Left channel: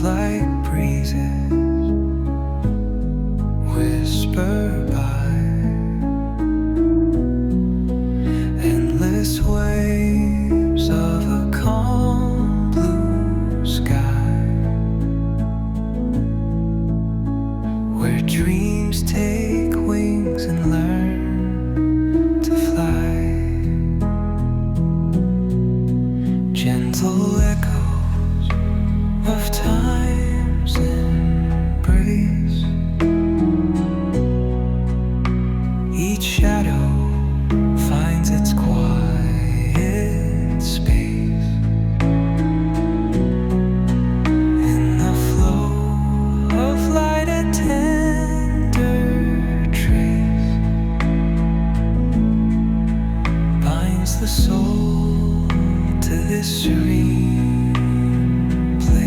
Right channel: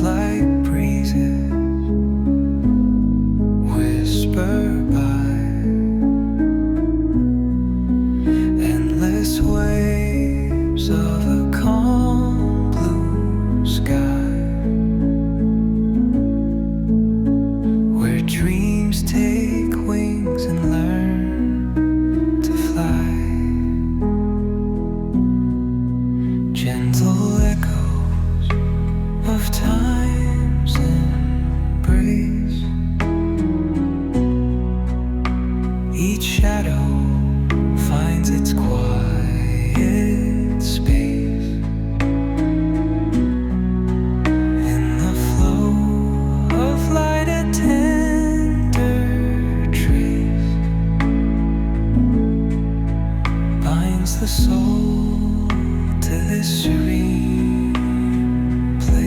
Thoughts like breezes whisper by, endless waves of a calm blue sky, where dreams take wings and learn to fly. Gentle echoes of time's embrace, each shadow finds its quiet space. In the flow of light, a tender trace binds the soul to this serene place.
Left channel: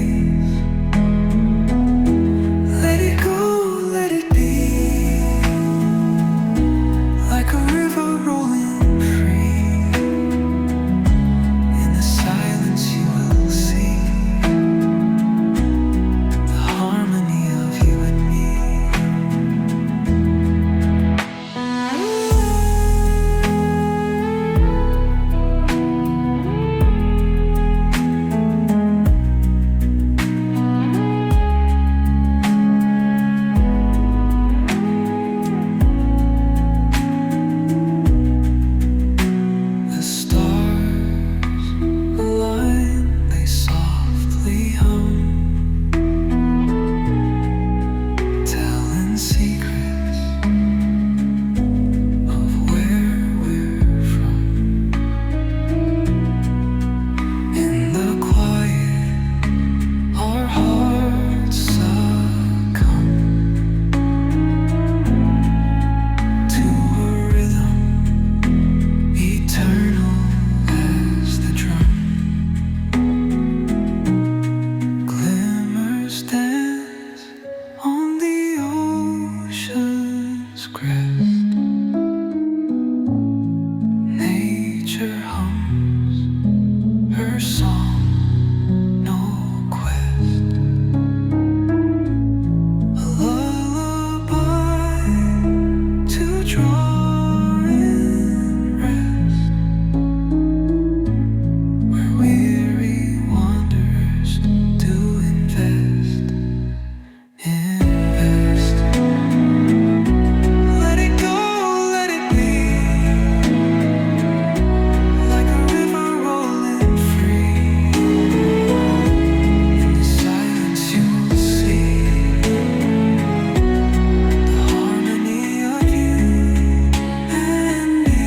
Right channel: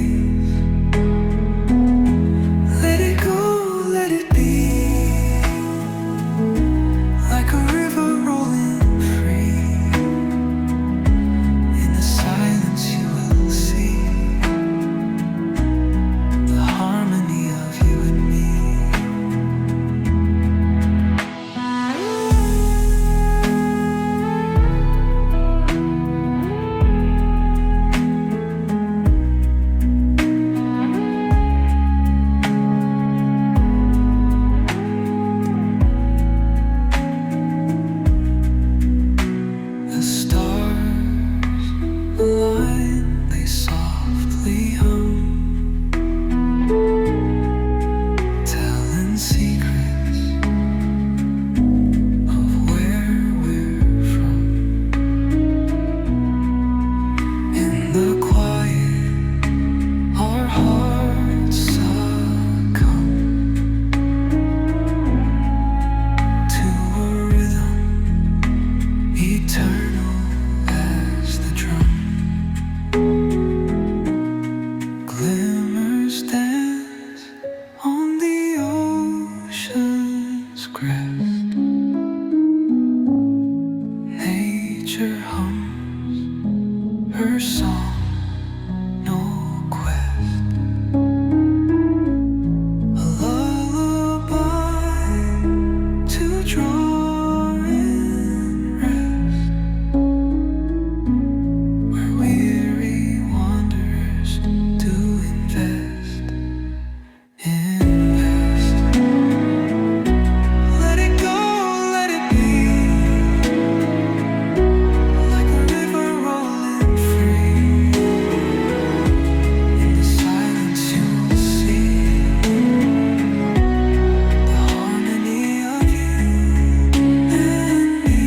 Let it go, let it be, like a river rolling free. In the silence you will see the harmony of you and me. Hum, telling secrets of where we're from. In the quiet, our hearts succumb to a rhythm eternal as the drum. Dance on the ocean's crest. Nature hums her song, no quest. A lullaby to draw in rest, where weary wanderers do invest. Let it go, let it be, like a river rolling free. In the silence you will see the harmony of you and me.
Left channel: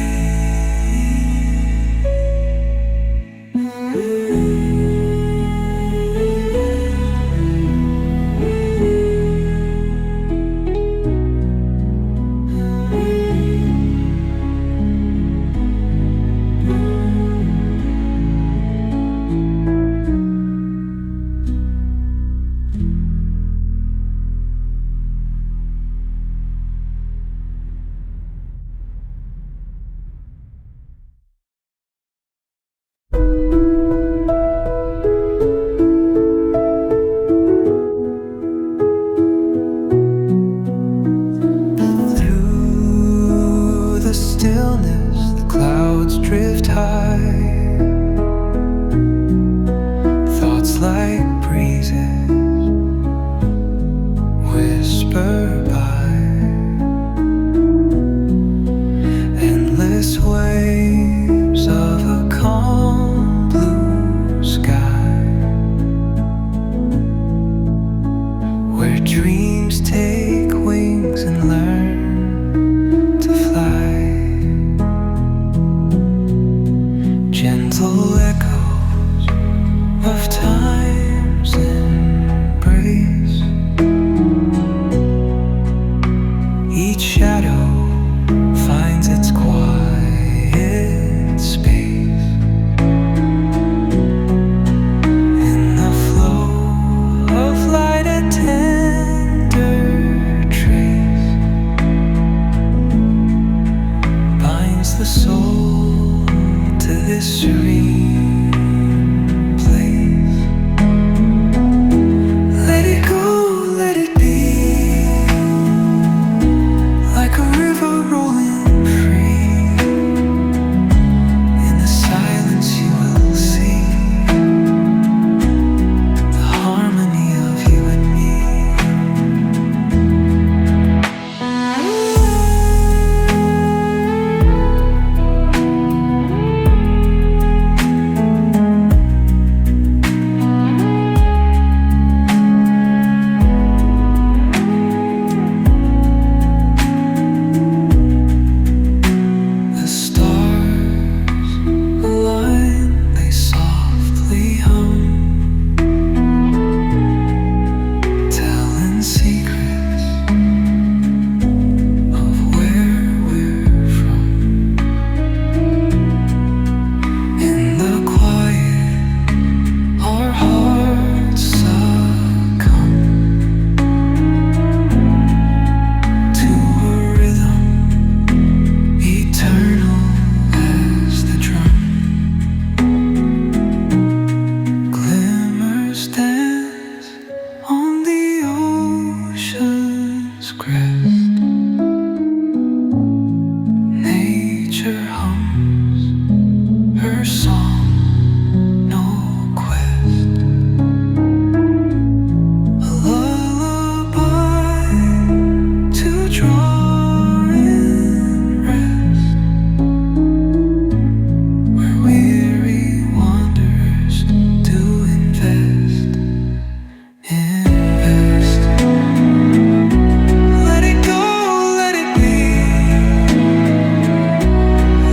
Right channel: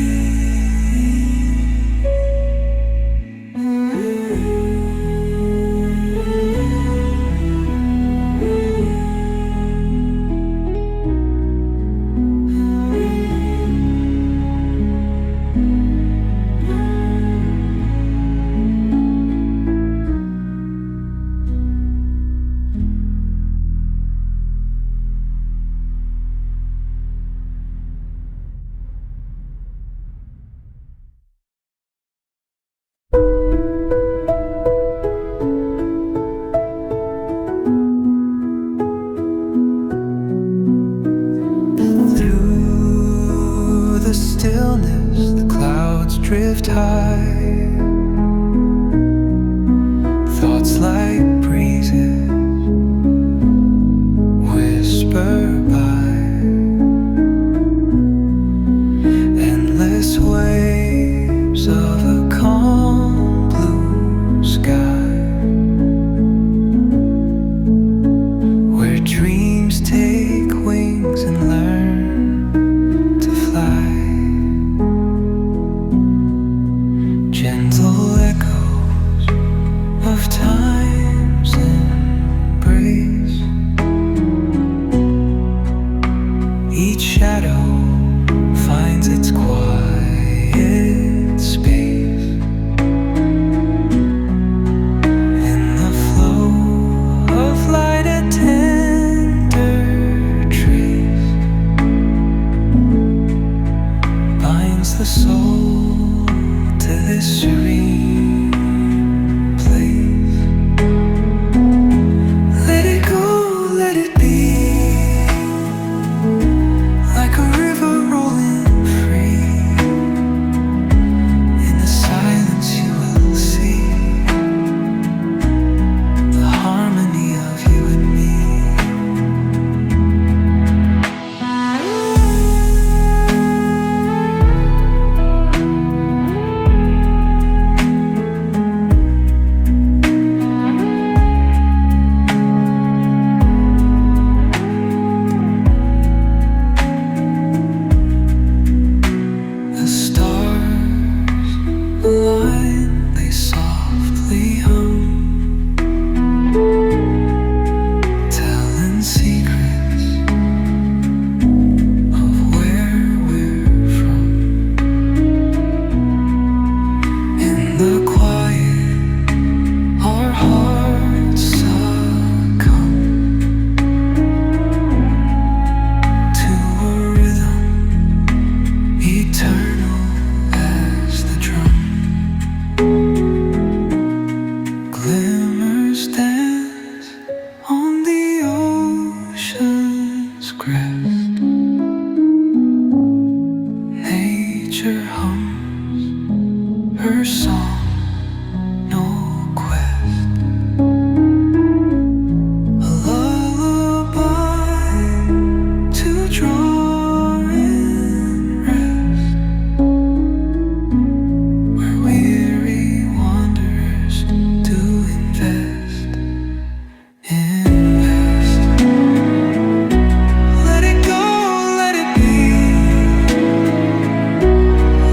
Through the stillness, the clouds drift high. Thoughts like breezes whisper by, endless waves of a calm blue sky, where dreams take wings and learn to fly. Gentle echoes of time's embrace, each shadow finds its quiet space. In the flow of light, a tender trace binds the soul to this serene place. hum, telling secrets of where we're from. In the quiet, our hearts succumb to a rhythm eternal as the drum. Glimmers dance on the ocean's crest. Nature hums her song, no quest. A lullaby to draw in rest, where weary wanderers do invest. Invest. Let it go, let it be,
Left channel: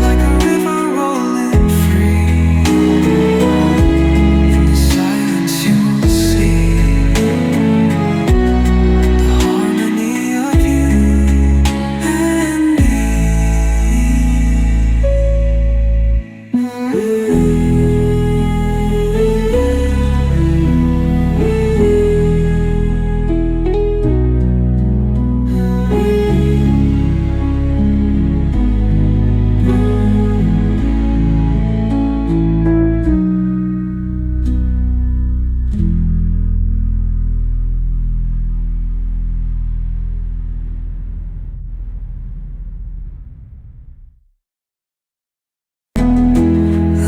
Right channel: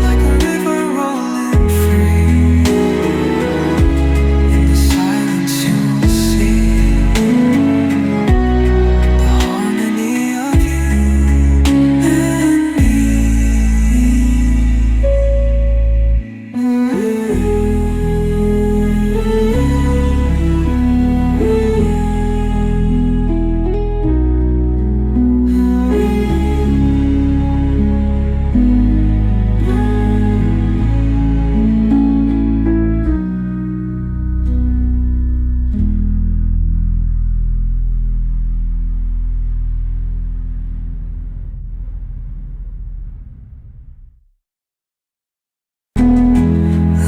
like a river rolling free. In the silence you will see the harmony of you and me.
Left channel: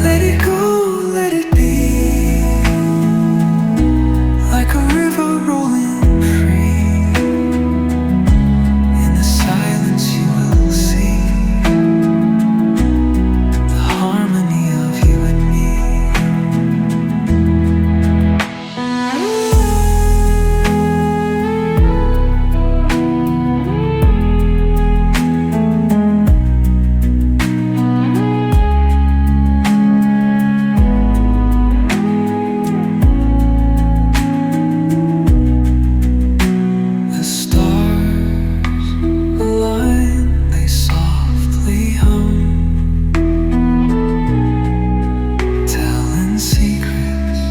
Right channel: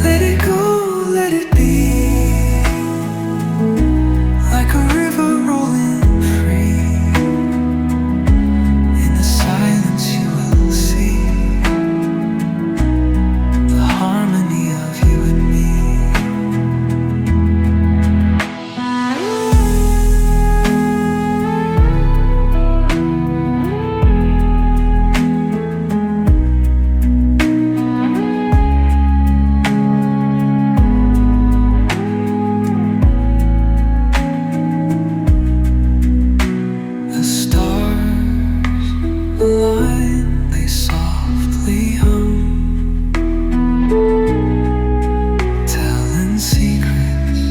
Let it go, let it be, like a river rolling free. In the silence you will see the harmony of you and me. The stars align, they softly hum, telling secrets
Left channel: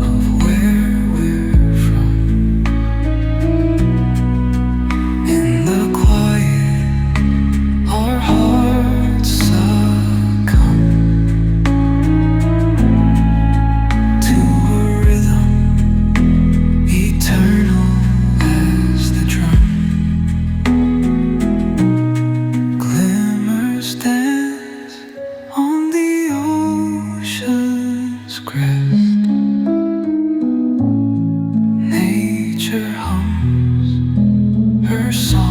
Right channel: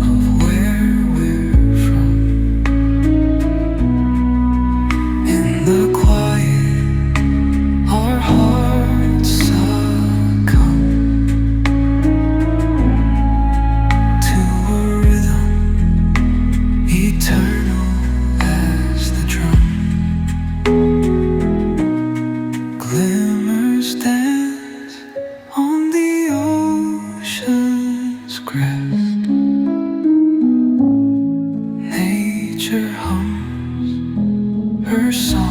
of where we're from. In the quiet, our hearts succumb to a rhythm eternal as the drum. Glimmers dance on the ocean's crest. Nature hums her song.